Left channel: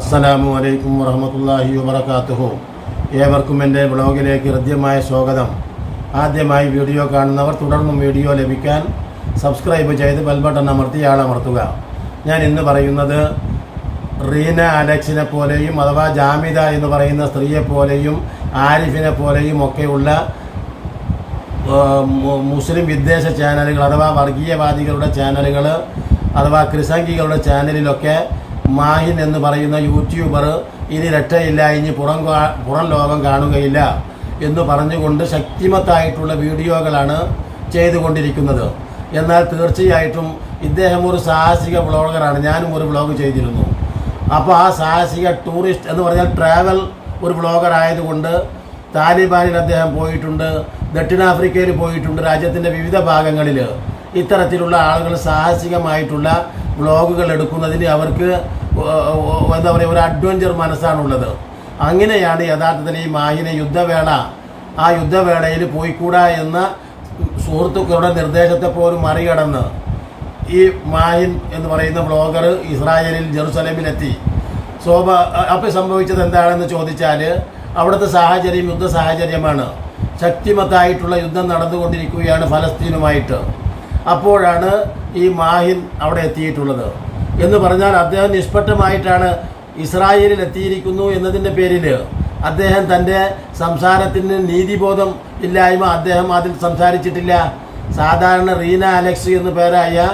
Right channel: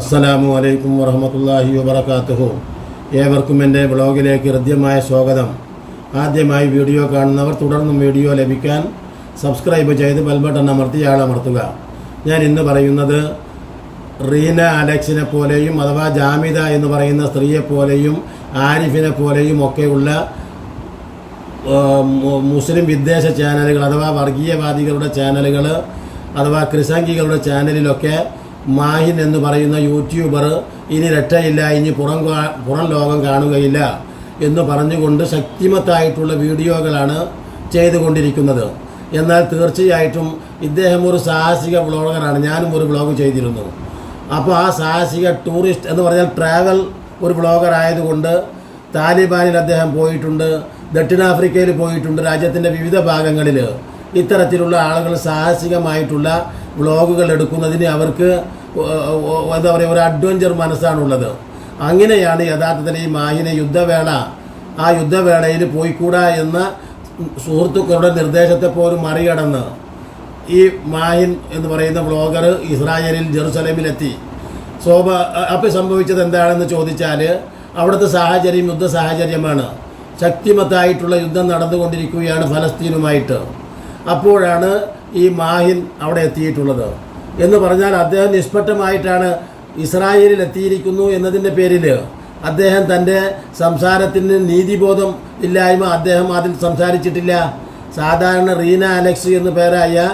അസ്സലാമു അലൈക്കും വറഹമത്തല്ലാഹി വബർക്കാത്തുഹു ഏവർക്കും എന്റെ ബ്ലോഗിലേക്ക് ഹൃദ്യമായ സ്വാഗതം. ആദ്യമായി വീഡിയോ കാണുന്നവർ തുടർന്നും വീഡിയോ ലഭിക്കാൻ സബ്സ്ക്രൈബ് ചെയ്ത് ബെൽബട്ടൺ അമർത്തി ആളമർത്തുക. ഞാൻ ഇന്ന് പറയുന്നത് റീന അലക്സിനെ പോലെയും അഥവാ ജാമിദ എന്ന് പറയുന്ന സ്ത്രീയെ പോലെയും ആരിഫിനെ പോലെയും ഒക്കെയുള്ള മുസ്ലിം വിദ്വേഷ ചാനലുകൾ അഥവാ വർഗീയവാദികളുടെ ചാനലുകൾ അഥവാ ക്രിസംഗികളുടെ ചാനലിലൊക്കെ മാഹിൻ എന്ന് പറയുന്ന യൂട്യൂബർ ഇനി രക്ഷയില്ല ഇനി പുറം പുറം ലോകം കാണുകയില്ല എന്ന് പറഞ്ഞുകൊണ്ട് ശക്തിമത്തായിട്ടുള്ള വീഡിയോകളാണ് ചെയ്തുകൊണ്ടിരിക്കുന്നത്. എന്നാൽ തീർച്ചയായിട്ടും ഇദ്ദേഹം ഒരു സാഹസിക വ്ളോഗറാണ്. ഞാനും ഒരു വ്ളോഗ് ചെയ്തിരുന്നു. അപ്പോൾ ആ സാഹസിക ടൂറിസ്റ്റ് എന്ന് പറഞ്ഞാൽ ട്രാവൽ ഒരു വ്ളോഗർ ആയതുകൊണ്ട് താലിബാനിൽ അദ്ദേഹം പോയിട്ടുണ്ട് ദക്ഷിണാഫ്രിക്കയിൽ പോയിട്ടുണ്ട് രാജ്യത്തിന്റെ വിവിധ ഭാഗങ്ങളിൽ. ഇത്തരത്തിലുള്ള ആളുകൾ സാഹസികമായിട്ടുള്ള വ്ളോഗുകൾ എടുക്കുന്നതിന് അവർക്ക് എന്താ പറയുക ഒരു അഡ്വഞ്ചർ മനസ്സാണുള്ളത്. അങ്ങനെയാണ് യഥാർത്ഥത്തിൽ ഈ മായിനെ യുദ്ധവേള ആ യുദ്ധവേളയിൽ പോയിക്കൂടാ എന്ന സുഹൃത്തുക്കളുടെ നിർദ്ദേശത്തെ പോലും മറികടന്ന് ഈ മാഹിൻ എന്ന് പറയുന്ന ബ്ലോഗർ ഇസ്രായേലിൽ ജെറുസലേമിലെത്തി. ശോഭ അപ്പോൾ സംഭവിച്ചത് എന്താണെന്ന് ചോദിച്ചാൽ അവിടുത്തെ സാഹചര്യം യുദ്ധ സാഹചര്യമാണ്. ശക്തിമത്തായിട്ടുള്ള യുദ്ധം നടന്നുകൊണ്ടിരിക്കുകയാണ് ഫലസ്തീനുമായിട്ട്. അപ്പോഴാണ് ഈ മാഹിൻ അവിടെ എത്തിയിട്ടുള്ളത്. എന്ന് പറഞ്ഞാൽ അദ്ദേഹം നിഷ്പക്ഷമായിട്ടാണ് ഇസ്രായേലിൽ എത്തിയിരിക്കുന്നു എന്നതിന്റെ പേരിൽ അദ്ദേഹം തന്റെ സംസാരത്തിന് നീതിബോധം ഇല്ലായ്മ അദ്ദേഹം അതിൽ സംസാരിച്ചിട്ടില്ല. സാധാരണ റീന അലക്സ് എന്നു പേരായ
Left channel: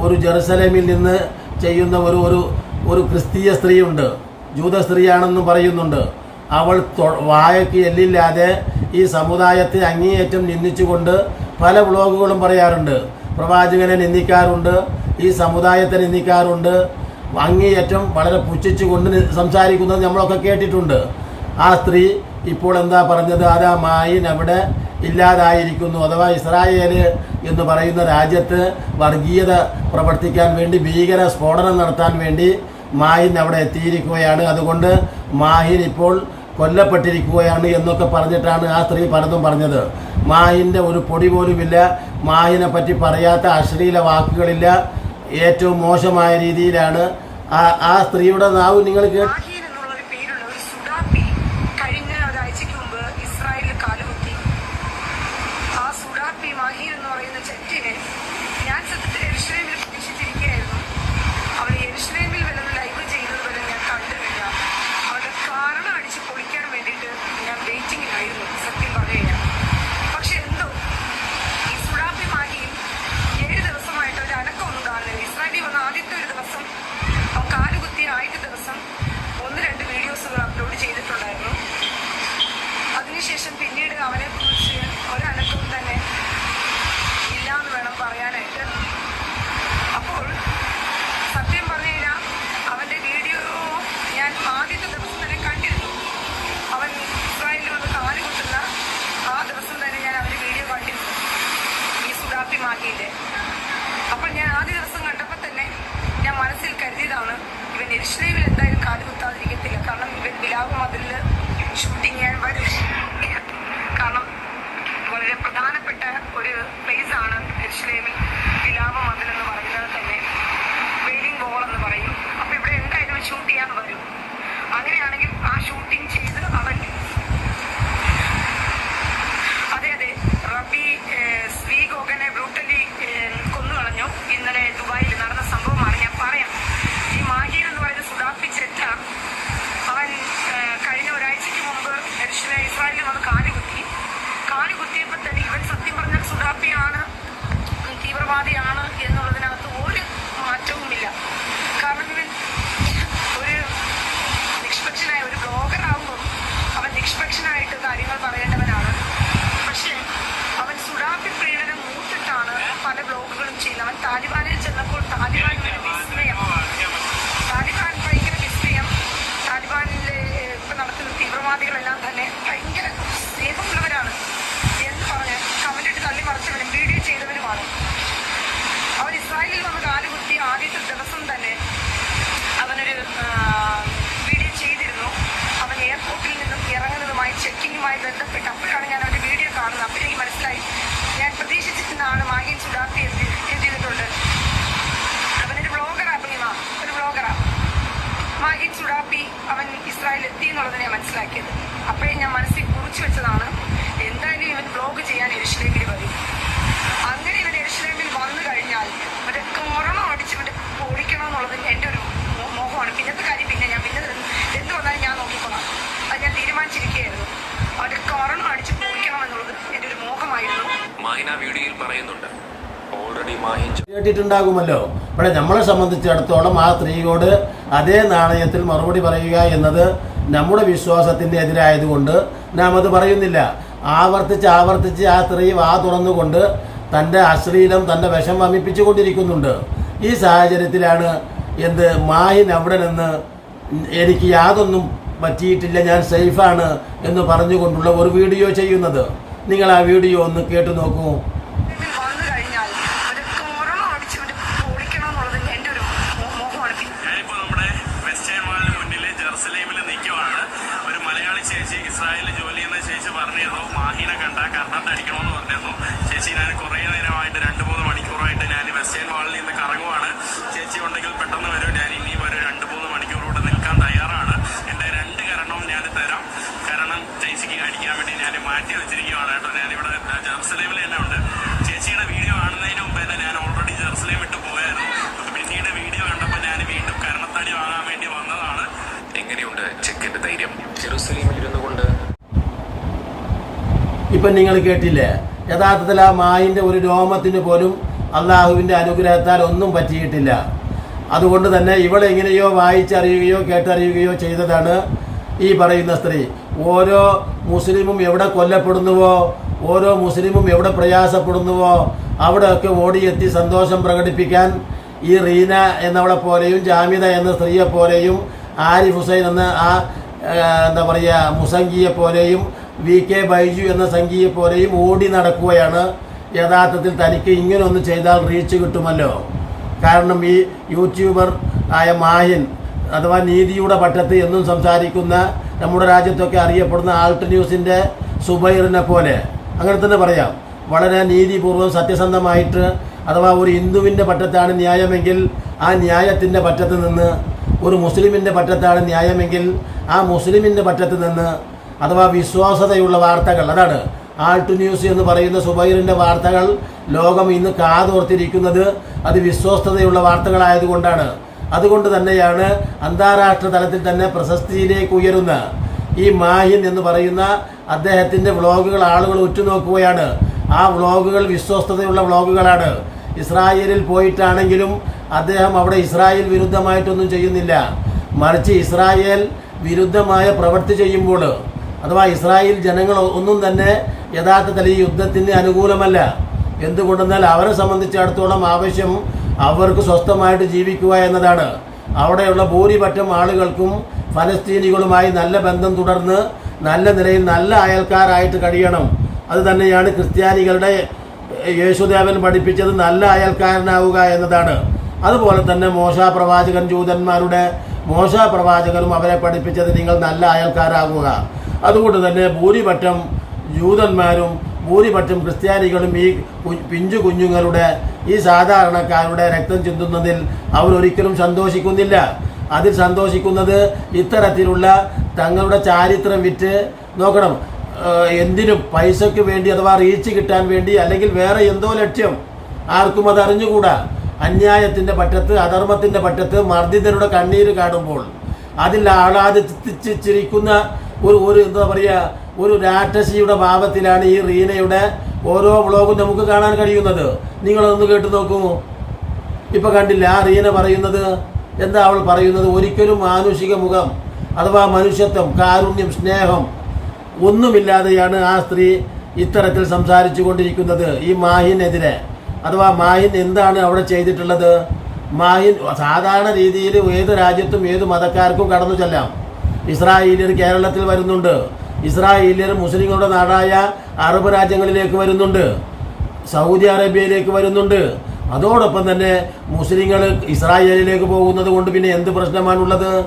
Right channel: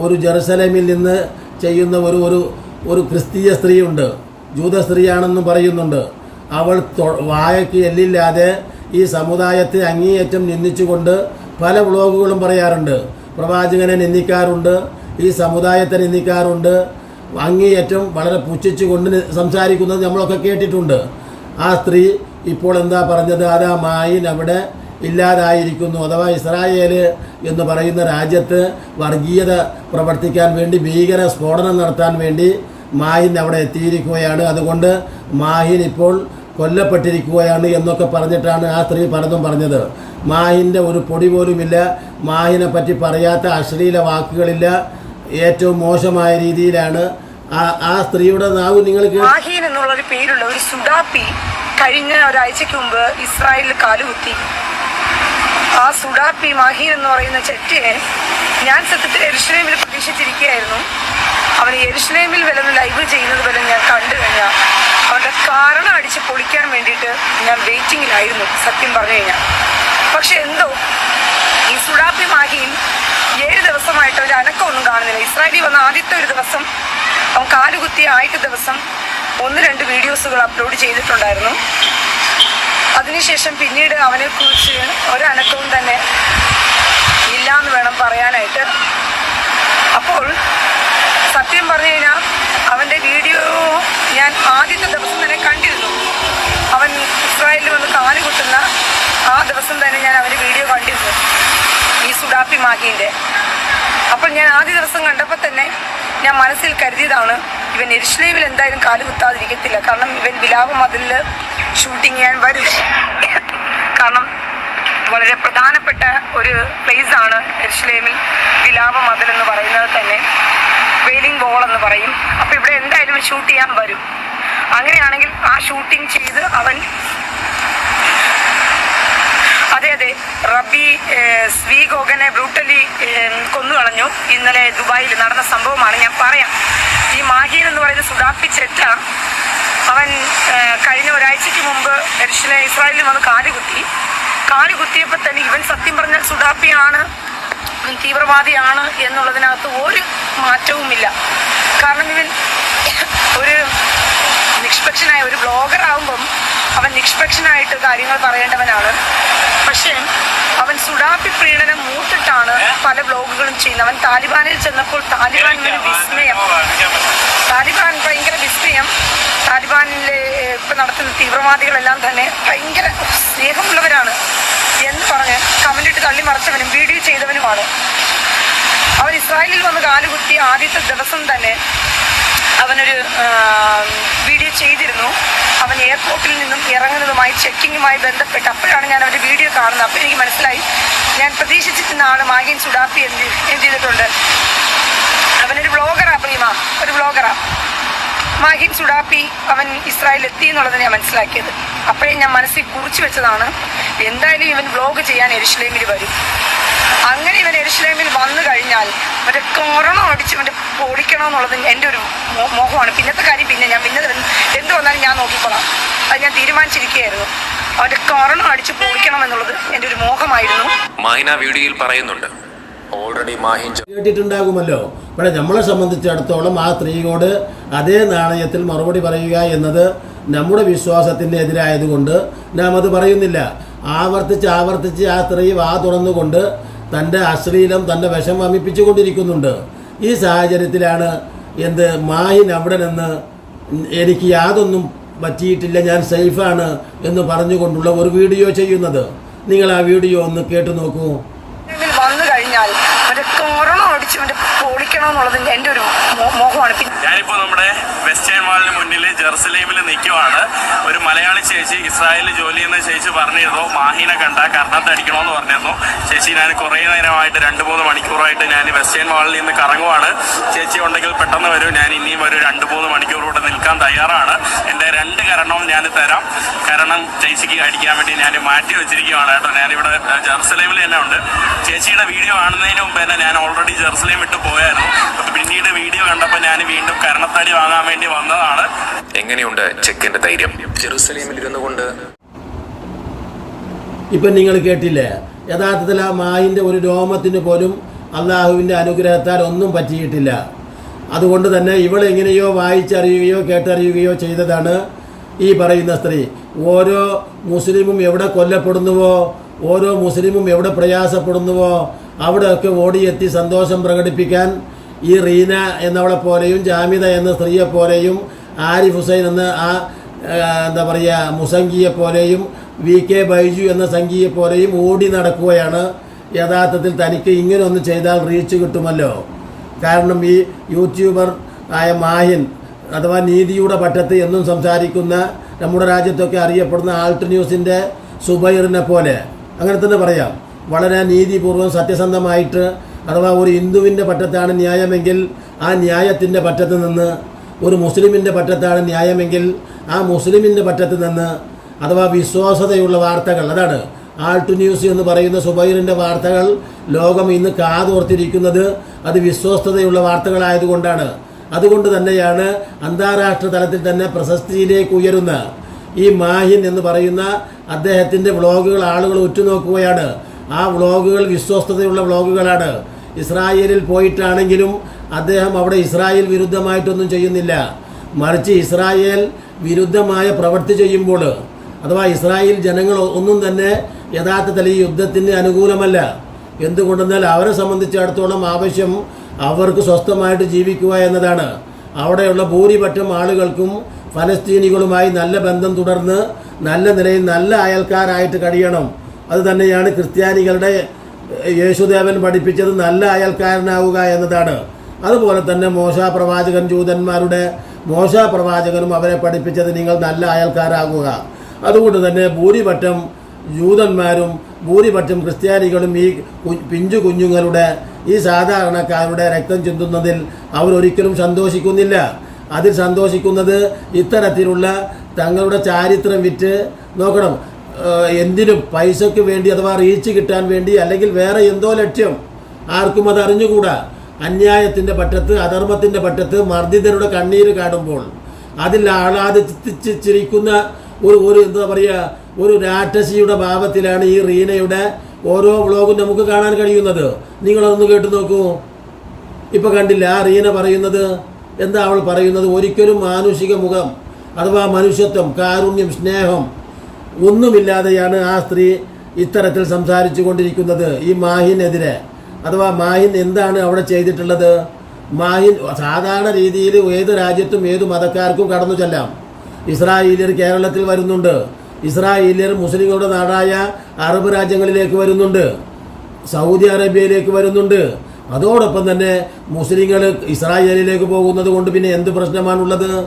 ഒരു ജെറുസലേമിൽ നിന്ന് ചെയ്യുന്ന ഒരു ഒരു ഒരു ക്രിസ്തീയ സ്ത്രീയുണ്ട്. ജൂത സ്ത്രീയാണെന്നും പറയുന്നുണ്ട്. അവൾ വായക്ക് എല്ലില്ലാതെ ഈ സമുദായത്തെ അങ്ങേയറ്റം നിന്ദിച്ചുകൊണ്ട് പല വ്ളോഗുകളും പറയാറുണ്ട്. പ്രവാചകനെ നിന്ദിക്കാറുണ്ട്. ഈ സമുദായത്തെ നിന്ദിക്കാറുണ്ട്. അങ്ങേയറ്റം വളരെ പുച്ഛിച്ചുകൊണ്ട് കൊണ്ട് സംസാരിക്കുന്നത് നമ്മളൊക്കെ കേട്ടിട്ടുണ്ട്. ആ സ്ത്രീ ഇപ്പോൾ എന്താ പറഞ്ഞത്? അതാ മായിൻ അവിടെ ഇല്ലാതായിരിക്കുന്നു. അഥവാ ഇസ്രായേൽ എന്ന് പറയുന്ന രാജ്യത്ത് വർഗീയത പ്രവർത്തിക്കാൻ വേണ്ടി ഭീകര സ്ഫോടനം നടത്താൻ വേണ്ടി മാഹിൻ അവിടെ എത്തിയിരിക്കുകയാണ്. അതുകൊണ്ട് മാഹിൻ ഇപ്പോൾ കൊല്ലപ്പെട്ടിരിക്കുകയാണ് എന്നൊക്കെ പറഞ്ഞിട്ടാണ് ആ സ്ത്രീ പലതും പറഞ്ഞത്. മാഹിന്റെ ഒരു പൊടി പോലുമില്ല. മാഹിനെ പറ്റി പറയാത്ത അശ്ലീല വാക്കുകളില്ല. ഏറ്റവും മോശമായ രീതിയിലാണ് ആ സ്ത്രീയുടെ നാവ് നിങ്ങൾ മാഹീൻ എന്നുള്ള ഒരു പേരുള്ള ഒരു സുഡാപ്പി കഴിഞ്ഞ ഒരാഴ്ചക്ക് മുമ്പ് ഇസ്രായേലിൽ കാലുകുത്തി. ആ സുഡാപ്പി മാഹീൻ എന്ന് പറയുന്ന ചെറ്റിനെ ഞാൻ സത്യത്തിൽ എരുഷലേമിൽ പ്രതീക്ഷിച്ചിരിക്കുകയായിരുന്നു അവൻ എരുഷലേമിൽ വിലന്ന് ലൈവ് ചെയ്യുന്നത് വരെ ഞാൻ കണ്ടു കഴിഞ്ഞാൽ അവരുടെ കാരണം അടിച്ച് പൊളിക്കാൻ വേണ്ടിയിട്ട് ഞാൻ വെയിറ്റിങ്ങിലായിരുന്നു സത്യം പറഞ്ഞു കഴിഞ്ഞാൽ പക്ഷെ എന്തോ ഈ സുഡാപ്പി മാഹിയും ഏഴ് ദിവസമായിട്ട് ഒരു അനക്കമൊന്നും കാണുന്നില്ല ഇസ്രായേലിൽ വന്ന ആദ്യത്തെ ഒരു ദിവസം അവൻ കാലുകുത്തിയ ആദ്യത്തെ ദിവസം ഒന്ന് രണ്ട് വീഡിയോസുകൾ അപ്ലോഡ് ചെയ്തിട്ടുണ്ടായിരുന്നു. അതിനുശേഷം പിന്നീട് അവനെ കുറിച്ച് ഒരനക്കവും തന്നെ ഇല്ല എന്ന് വേണം പറയാനായിട്ട്. അപ്പോൾ സത്യം പറഞ്ഞു കഴിഞ്ഞാൽ അവന്റെ വീഡിയോ ഞാൻ ആദ്യത്തെ ദിവസം തന്നെ കണ്ടിരുന്നു. അവൻ ഇസ്രായേലിൽ വന്ന് കാൽ കുത്തുന്ന ആ ദിവസം തന്നെ ഞാൻ അവന്റെ വീഡിയോ കണ്ടിരുന്നു. ഈ സുഡാപ്പി മാഗീന്റെ. അപ്പോൾ ഞാൻ ആദ്യ ദിവസം കണ്ടപ്പോൾ തന്നെ ഞാൻ മനസ്സിൽ കരുതിയതാണ് ഇവൻ എരിശ്ലേവിൽ എന്തായാലും കാൽ കുത്താതിരിക്കത്തില്ല. കാരണം ഇവൻ വിലാപ മതിലിൽ ഷൂട്ടിങ് ചെയ്യാൻ വരും. കാരണം വളരെ പ്രധാനപ്പെട്ട ഒരു പ്ലേസ് ആണ് എരിശ്ലേമിൽ വിലാപ മതിൽ എന്ന് പറയുന്നത് തന്നെ. വെയിലിംഗ് വോൾ എന്ന് പറയും. അപ്പോൾ ഇവിടെ എന്തായാലും ഷൂട്ട് ചെയ്യാൻ വരും. അങ്ങനെയാണെങ്കിൽ ആ ഷൂട്ടിംഗ് ചെയ്ത് അവൻ അതെ അതെ റബി സ്വീ സ്വീഗോഗനെ ബ്രൂട്ടലി കൊന്നു കൊന്നുകളഞ്ഞു. ഇന്നലെ ദുബായിൽ നടന്ന സംഭവമാണ് ഞാൻ പറയാം. ഈ മാഹീൻ എന്ന് പറയുന്ന സുഡാപ്പി ചെറ്റ അവൻ കഴിഞ്ഞ ഒരാഴ്ചയ്ക്ക് മുമ്പ് എരിശിലെ ഇസ്രായേലിൽ വന്ന് കാൽ കുത്തി. കാൽ കുത്തിയപ്പോൾ തന്നെ ഇവൻ സത്യം പറഞ്ഞാൽ സുഡാപ്പിയാണ് തീവ്രവാദിയാണ് എന്നുള്ളതിനകത്ത് ഒരു മാറ്റവുമില്ല. കാരണം ഇവൻ ഒരു നിഷ്പക്ഷനായ ഒരു ബ്ലോഗർ അവൻ കാര്യങ്ങൾ പറയേണ്ടവനാണ്. പക്ഷേ അവൻ സുഡാപ്പി പ്രീണനം മൂത്തിട്ടാണ് പല ബ്ലോഗുകളും ചെയ്യുന്നത്. അവൻ താലിബാനിൽ ചെന്നപ്പോൾ താലിബാൻ ഒരു വിസ്മയം. താലിബാൻ ഭയങ്കര വിസ്മയം. താലിബാനിലെ ഇപ്പൊ നടത്തുന്ന തീവ്രവാദികളെല്ലാം തന്നെ ഭയങ്കര സ്നേഹമുള്ളവരാണ് എന്ന് പറഞ്ഞ് കമന്റിട്ട് തള്ളി മറച്ചവനും വീഡിയോ ചെയ്തവനുമാണ്. അവൻ ഇസ്രായേലിൽ വന്ന് കാലുകുത്തി ആദ്യത്തെ ദിവസം തന്നെ അവനൊരു വീഡിയോ ചെയ്തിരുന്നു. അവൻ എയർപോർട്ടിൽ നിന്നും ഇറങ്ങുന്നതുമായി ചെക്കിങ്ങുമായി ബന്ധപ്പെട്ട് അപ്പോഴാണ് ഞാൻ അവന്റെ വീഡിയോ കാണുന്നത്. അപ്പോൾ എനിക്ക് മനസ്സിലായി. ഞാൻ പ്രതീക്ഷിച്ചിരുന്നതാണ് മാഗിൻ സുഡാപ്പി എന്ത് എന്ത് ചെയ്തിട്ടുണ്ട്. അവനൊരു ബ്ലോഗറാണ് പ്രീമ ഒരു വ്ളോഗറാ മാഹിൻ സുഡാപ്പി അവൻ ഇസ്രായേൽ എത്തി എന്നുള്ളത് ഞാൻ മനസ്സിലാക്കിയത്. അപ്പോഴേ ഞാൻ മനസ്സിൽ കുറിച്ചു വെച്ചതാണ് എന്തായാലും ഇവൻ വ്ലോഗ് ചെയ്യാൻ എരുഷലേമിൽ വരും. അങ്ങനെ ഇവൻ എരുഷലേമിൽ വന്നു കഴിഞ്ഞാൽ മറ്റേ കൊറോണ അടിച്ച് മറ്റേ പൊളിക്കണമെന്നുള്ളത് എന്റെ ഒരു മോഹമാണ്. പിന്നത്തെ കാര്യം പിന്നെ ഞാൻ പിന്നെ എന്ത് വന്നാലും ഞാൻ നോക്കിക്കോളാം. അത് ഞാൻ തീരുമാനിച്ചിരിക്കുകയായിരുന്നു. അവന്റെ കൊറോണ അടിച്ച് പൊളിക്കണം എന്നുള്ളത് എന്റെ ഒരു മോഹമായിരുന്നു. മൈന വീഡിയോയിൽ പറയുന്നുണ്ട് കേട്ടിട്ടുണ്ടാകുമല്ലോ. ഇവിടെ നമ്മളെ സംബന്ധിച്ചിടത്തോളം ആ സ്ത്രീയോട് അതേ നാണയത്തിൽ മറുപടി പറയുക എന്നത് നമ്മുടെ വിശ്വാസത്തിന്റെ എതിരായതുകൊണ്ട് നാം അത് പറയുന്നില്ല. ആവർത്തിച്ച് ആവർത്തിച്ച് ആ സ്ത്രീ വാ തുറന്നുകൊണ്ട് തന്റെ അശ്ലീലം തന്റെ വിഷം വമിപ്പിച്ചുകൊണ്ടിരിക്കുന്നുണ്ട്. ഈ സാഹചര്യത്തിലാണ് എന്ത് മാഹിൻ അവിടെ നിന്ന് എനിക്ക് യാതൊന്നും പറ്റിയിട്ടില്ല ഞാൻ സേഫാണ് എന്ന് പറഞ്ഞുകൊണ്ടുള്ള ഒരു വീഡിയോ ചെയ്യുന്നത്. നിങ്ങൾ ആ വീഡിയോ ഒന്ന് കേട്ടു നോക്കൂ ഇതിൽ വന്നു കഴിഞ്ഞാൽ മറ്റേ കൊറോണ അടിച്ച് മറ്റേ പൊളിക്കണമെന്നുള്ളത് എന്റെ ഒരു മോ- മോഹമാണ് പിന്നെ ഞാനിപ്പോ നമ്മുടെ വെസ്റ്റേൺ മാളിന് മുന്നിൽ ജെറുസലേമിൽ നിൽക്കുവാണ് ഒരു മലയാളി ചേച്ചി ഇസ്രായേലിൽ ജോലി ചെയ്യുന്ന ചേച്ചി പറഞ്ഞിരുന്നു. മാഹിനെ കണ്ട കർണത്ത് അടിക്കണമെന്ന് പറഞ്ഞിരുന്നു. ചേച്ചി ഞാൻ കുറേ നേരമായിട്ട് രണ്ട് മൂന്ന് മണിക്കൂറായിട്ട് ഞാൻ വെസ്റ്റേൺ വാളിൽ നിന്ന് കറങ്ങുവാണ്. ചേച്ചി ഉണ്ടെങ്കിൽ പെട്ടെന്ന് വരും. ഞാൻ ഇനിയും ഒരു രണ്ട് മൂന്ന് മണിക്കൂർ കൂടെ നിൽക്കാൻ തയ്യാറാണ്. എന്റെ രണ്ട് കരണവും ഞാൻ തരാം. കരണം ചേച്ചിക്ക് അടിക്കാൻ വേണ്ടി ഞാൻ മാറ്റി വെച്ചിരിക്കുകയാണ് കേട്ടോ. ഞാനിവിടെ ജെറുസലേമിൽ തന്നെ ഉണ്ട്. ചേച്ചിയുടെ വീഡിയോ കാണുന്നതിന് മുമ്പ് തന്നെ ഞാൻ ഓൾറെഡി ജെറുസലേം വിട്ട് പോയായിരുന്നു. അപ്പൊ വീഡിയോ കണ്ടപ്പോൾ ഞാൻ വീണ്ടും കരണത്തടി വാങ്ങാൻ വേണ്ടി വന്നതാണ്. എങ്ങനെയുണ്ട് ചെക്കിന്റെ ധൈര്യം? ജെറുസലേമിൽ ഇരുന്നു കൊണ്ട്. ഇപ്പം നിങ്ങൾ കേട്ടില്ലേ? യഥാർത്ഥത്തിൽ ആ മായിന്റെ ഒരു രോമത്തിന് പോലും അള്ളാഹുവിന്റെ അനുഗ്രഹത്താൽ ഒന്നും പറ്റിയിട്ടില്ല. അതുകൊണ്ട് തന്നെ ഇവളെങ്ങനെയോ വായിച്ചറിയുകയോ കേട്ടറിയുകയോ ചെയ്തതാണ് ഈ പറയുന്ന സ്ത്രീ. ഓരോ മുസ്ലിമും എവിടെ കൊല്ലപ്പെടുന്നുവോ ഓരോ മുസ്ലിമും എവിടെ പ്രയാസപ്പെടുന്നുവോ അവിടെയൊക്കെ ഓടിയെത്തി സന്തോഷം പ്രകടിപ്പിക്കാൻ ഈ റീന എന്നവളെ പോലെയും ജാമിത എന്ന സ്ത്രീയെ പോലെയും ആരിഫ് ഹുസൈൻ എന്ന ആ എന്താ പറയുക മുസംഗിയെ പോലെയും വി കെ ബൈജു എന്ന സംഘിയെ പോലെയും ഓടി നടക്കുകയാണ്. യഥാർത്ഥത്തിൽ തനിക്ക് ഇങ്ങനെ ഒന്ന് ചെയ്താൽ റീച്ച് കിട്ടുമല്ലോ. കാരണം ഈ യൂട്യൂബർ ആയ മാഹിൻ അഥവാ നീതിയുടെ പട്ടത്ത് എന്നും സംസാരിക്കുന്ന നമ്മുടെ രാജ്യത്തൊക്കെ അറിയപ്പെടുന്ന ആൾട്ട് ന്യൂസിന്റെ സുബൈറിനെ പോലെ. അങ്ങനെ തന്നെ പറയാം. വളരെ നീതിപൂർവം സത്യസന്ധമായിട്ട് അഥവാ ഒരു ഹിന്ദുവിന്റെ പറ്റത്താണ് ന്യായമെങ്കിൽ ആ ന്യായത്തിന്റെ പറ്റത്ത് നിന്ന് ഒരു മുസ്ലിമിന്റെ പറ്റത്താണ് ന്യായമെങ്കിൽ ആ മുസ്ലിമിന്റെ പറ്റത്ത് നിന്ന് അഥവാ വിശ്വാസതയുള്ള വാർത്തകൾ അതാണ് ആൾട്ടു ന്യൂസ് എന്ന് പറയുന്ന സുബൈറിന്റെ വാർത്തകൾ ലോകം ഇന്ന് കാതോർത്തിരിക്കുന്നത് അത് വിശ്വസ്തതയുള്ള വാർത്തകളായതുകൊണ്ടാണ്. അതുകൊണ്ട് തന്നെയാണ് അന്താരാഷ്ട്ര തലത്തിൽ തന്നെ പ്രശസ്തിയിലേക്ക് ഉയരുന്ന ഈ മാഹിൻ എന്ന് പറയുന്ന അദ്ദേഹത്തിന്റെ വ്ളോഗുകൾ ആളുകൾ ഉറ്റുനോക്കുകയാണ്. ആ വ്ളോഗുകൾ വിശ്വസ്തതയുള്ള വ്ളോഗുകളാണ്. ഇസ്രായേലിൽ പോയിട്ടാണെങ്കിലും അദ്ദേഹം അവിടെ ഇസ്രായേൽ വിരുദ്ധമായിട്ടൊന്നും ചെയ്യുന്നില്ല. മറിച്ച് ഇസ്രായേൽ വിരുദ്ധമായ പ്രവൃത്തി ചെയ്യുമ്പോൾ അഥവാ ഇസ്രായേൽ ജനങ്ങൾ ഒന്നും തന്നെ യഥാർത്ഥത്തിൽ ഈ യുദ്ധത്തിന് അനുകൂലമല്ല. എന്തുകൊണ്ടെന്നാൽ അവരെ സംബന്ധിച്ചിടത്തോളം ആവശ്യം അവർക്ക് സ്വസ്ഥമായിട്ട് ജീവിക്കുക എന്നതാണ്. അവിടെയുള്ള ഭൂരിപക്ഷം ആളുകൾക്കും ഫലസ്തീനികളുമായി നല്ല ബന്ധം തുടർന്ന് നല്ല നിലയിൽ നല്ല അയൽക്കാരായിട്ട് കഴിയണം. അത് തന്നെയാണ് ക്രിസ്ത്യാനികളുടെ യേശുദേവൻ പഠിപ്പിച്ചത് നല്ല അയൽക്കാരനാവുക എന്നതാണ്. അതുപോലെ തന്നെ മോശ പ്രവാചകൻ ജൂതന്മാരുടെ മോശ പ്രവാചകനും അവരെ പഠിപ്പിച്ചത് നിങ്ങൾ നല്ല അയൽക്കാരാകുക. അതുകൊണ്ട് തന്നെ ഭൂരിപക്ഷം ജൂതന്മാരും ഭൂരിപക്ഷം ക്രിസ്ത്യാനികളും ഈ പിഞ്ചു കുഞ്ഞുങ്ങളുടെ ഈ സാധാരണക്കാരുടെ രക്തം ചിന്തുന്നതിൽ അവരൊരിക്കലും സന്തോഷിക്കുന്നില്ല. അതിൽ സന്തോഷിക്കുന്നത് ഇത്തരത്തിലുള്ള തങ്ങളുടെ ചാരിത്രം വിറ്റ് നോക്കണം. എന്തിനും പൈസയ്ക്ക് വേണ്ടി അഥവാ റീച്ച് കിട്ടാൻ വേണ്ടി അല്ലെങ്കിൽ വേറെ എന്തോ ലക്ഷ്യം ആർക്കും അത് അറിഞ്ഞുകൂടാ. അന്യായത്തിന്റെ പറ്റത്ത് അധർമ്മത്തിന്റെ പറ്റത്ത് മർദ്ദിതരുടെ കണ്ണീര് കാണുമ്പോൾ അതിൽ ആളാദിച്ച് ചിരിക്കുന്ന ഒരു ഒരു എന്താ പറയുക ഒരു രാക്ഷസിയുടെ ഭാവത്തിലാണ് ഈ റീനയുടെ ഓരോ വ്ളോഗും നമുക്ക് കാണാൻ കഴിയുന്നത്. നിങ്ങളൊന്ന് കേട്ടു നോക്കൂ. ഇപ്പൊ കണ്ടില്ല ആ റീന പറയുന്നത് എന്താ അവൾ പറയുന്നത്? ഒരിക്കലും മാനുഷിക മുഖം അഥവാ മനുഷ്യത്വം കാരുണ്യം സ്നേഹം ഒന്നുമില്ലാതെയാണ് ആ സ്ത്രീ ഇത്തരത്തിൽ സംസാരിച്ചു കൊണ്ടിരിക്കുന്നത്. ഈ മാഹിനെതിരെ. അഥവാ മാഹിൻ എന്താണ് അവിടെ ചെയ്തിട്ടുള്ളത്? മാഹിൻ സാധാരണ രീതിയിൽ ഏത് രാജ്യത്തും ഏത് മതക്കാർക്കും കടന്നു ചെല്ലാം. ഇസ്രായേലിയർ കേരളത്തിൽ വരുന്നുണ്ട്. ഇസ്രായേലിയർ മുസ്ലിങ്ങളുടെ നാടായ അറബ് രാജ്യങ്ങളിലേക്ക് വരുന്നുണ്ട്. സൗദി അറേബ്യയിലേക്ക് വരുന്നുണ്ട്. അതോടൊപ്പം തന്നെ മുസ്ലിങ്ങൾ ഇസ്രായേലിലേക്ക് പോകുന്നത് കൊണ്ട് പിന്നെ എന്ത് പ്രശ്നമാണുള്ളത്?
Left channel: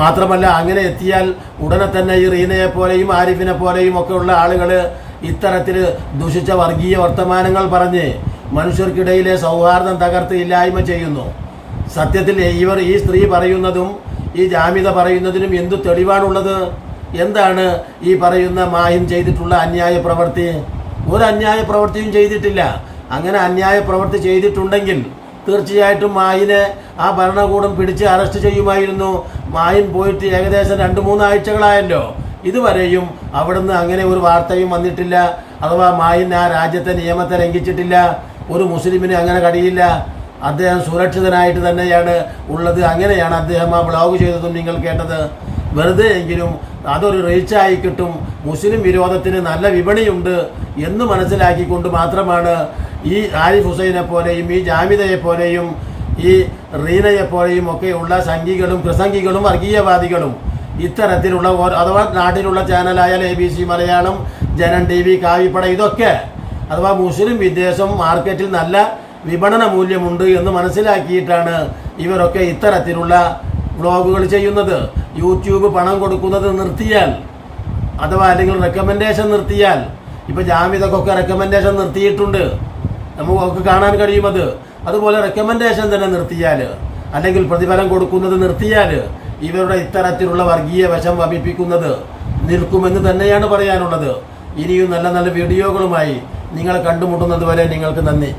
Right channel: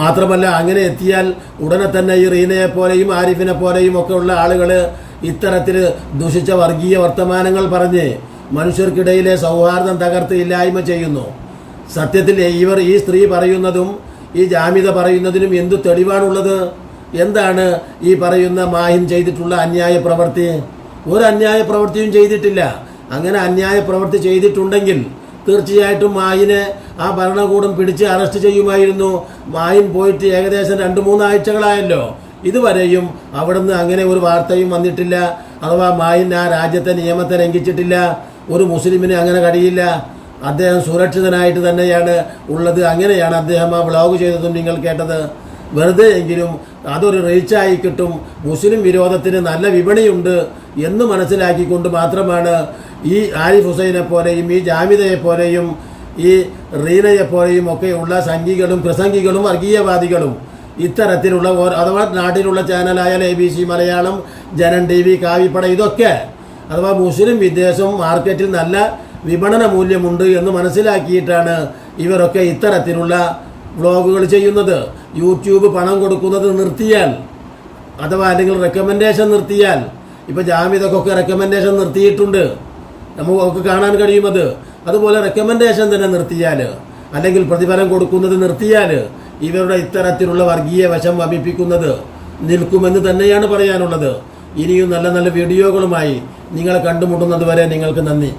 മാത്രമല്ല അങ്ങനെ എത്തിയാൽ ഉടനെ തന്നെ ഈ റീനയെ പോലെയും ആരിഫിനെ പോലെയും ഒക്കെ ഉള്ള ആളുകൾ ഇത്തരത്തിൽ ദുഷിച്ച വർഗീയ വർത്തമാനങ്ങൾ പറഞ്ഞ് മനുഷ്യർക്കിടയിലെ സൗഹാർദ്ദം തകർത്ത് ഇല്ലായ്മ ചെയ്യുന്നു. സത്യത്തിൽ ഇവർ ഈ സ്ത്രീ പറയുന്നതും ഈ ജാമ്യത പറയുന്നതിനും എന്തു തെളിവാണുള്ളത്? എന്താണ് ഈ പറയുന്ന മാഹിം ചെയ്തിട്ടുള്ള അന്യായ പ്രവൃത്തി? ഒരു അന്യായ പ്രവൃത്തിയും ചെയ്തിട്ടില്ല. അങ്ങനെ അന്യായ പ്രവൃത്തി ചെയ്തിട്ടുണ്ടെങ്കിൽ തീർച്ചയായിട്ടും മായിനെ ആ ഭരണകൂടം പിടിച്ച് അറസ്റ്റ് ചെയ്യുമായിരുന്നു. മായിൻ പോയിട്ട് ഏകദേശം രണ്ട് മൂന്നാഴ്ചകളായല്ലോ ഇതുവരെയും അവിടുന്ന് അങ്ങനെ ഒരു വാർത്തയും വന്നിട്ടില്ല. അഥവാ മായിൻ ആ രാജ്യത്തെ നിയമത്തെ ലംഘിച്ചിട്ടില്ല. ഒരു മുസ്ലിമിനെ അങ്ങനെ കഴിയില്ല. അദ്ദേഹം സുരക്ഷിതനായിട്ട് തന്നെയാണ് ഉള്ളത്. അങ്ങനെയാണ് അദ്ദേഹം ആ ബ്ലോഗ് ചെയ്തതും നിങ്ങൾ കേട്ടത്. വെറുതെ എങ്കിലും അതൊരു റീച്ചായി കിട്ടും. മുസ്ലിം വിരോധത്തിന് നല്ല വിപണിയുണ്ട് എന്ന് മനസ്സിലാക്കിക്കൊണ്ട് മാത്രമാണ് ഈ ആരിഫ് ഹുസൈനെ പോലെയും ഈ ജാമിതയെ പോലെയും ഈ റീനയെ പോലെയും ഒക്കെയുള്ള സംഘികളും പ്രസംഗികളും വർഗീയവാദികളും ഇത്തരത്തിലുള്ള അഥവാ നാട്ടിലുള്ള ചാനലായാൽ A B C Malayalam Janam T V കാവിപ്പട ഇതൊക്കെ അഥവാ മുസ്ലിം വിദ്വേഷം മാർക്കറ്റിൽ നല്ല വിപണന മൂല്യമുണ്ട് എന്ന് മനസ്സിലാക്കിയിട്ടാണ് ഇവരൊക്കെ ഇത്തരത്തിലുള്ള വ്ളോഗുകൾ ചെയ്യുന്നത് യൂട്യൂബ് പണം കൊടുക്കുന്നത് നിർത്തിയാൽ അഥവാ അല്ലെങ്കിൽ റെക്കമെൻഡേഷൻ നിർത്തിയാൽ ഇപ്പോൾ ജാമ്യതക്കൊക്കെ റെക്കമെൻഡേഷൻ നിർത്തിയിട്ടുണ്ട്. നമുക്കൊക്കെ കാണാൻ കഴിയുമത് അതുപോലെ റെക്കമെൻഡേഷൻ തന്നെ നിർത്തിയാൽ അല്ലെങ്കിൽ പ്രതിഫലം കൊടുക്കുന്നത് നിർത്തിയാൽ ഇവരുടെ ഇത്തരത്തിലുള്ള വർഗീയ വശം വമിപ്പിക്കുന്നത് നിൽക്കുമെന്ന് തന്നെയാണ് പറയാനുള്ളത്. ഇനിയും നല്ല നല്ല വീഡിയോകളുമായി നിങ്ങൾ കണ്ടുമുട്ടുന്നത് വരെ നിങ്ങൾക്ക് നന്ദി.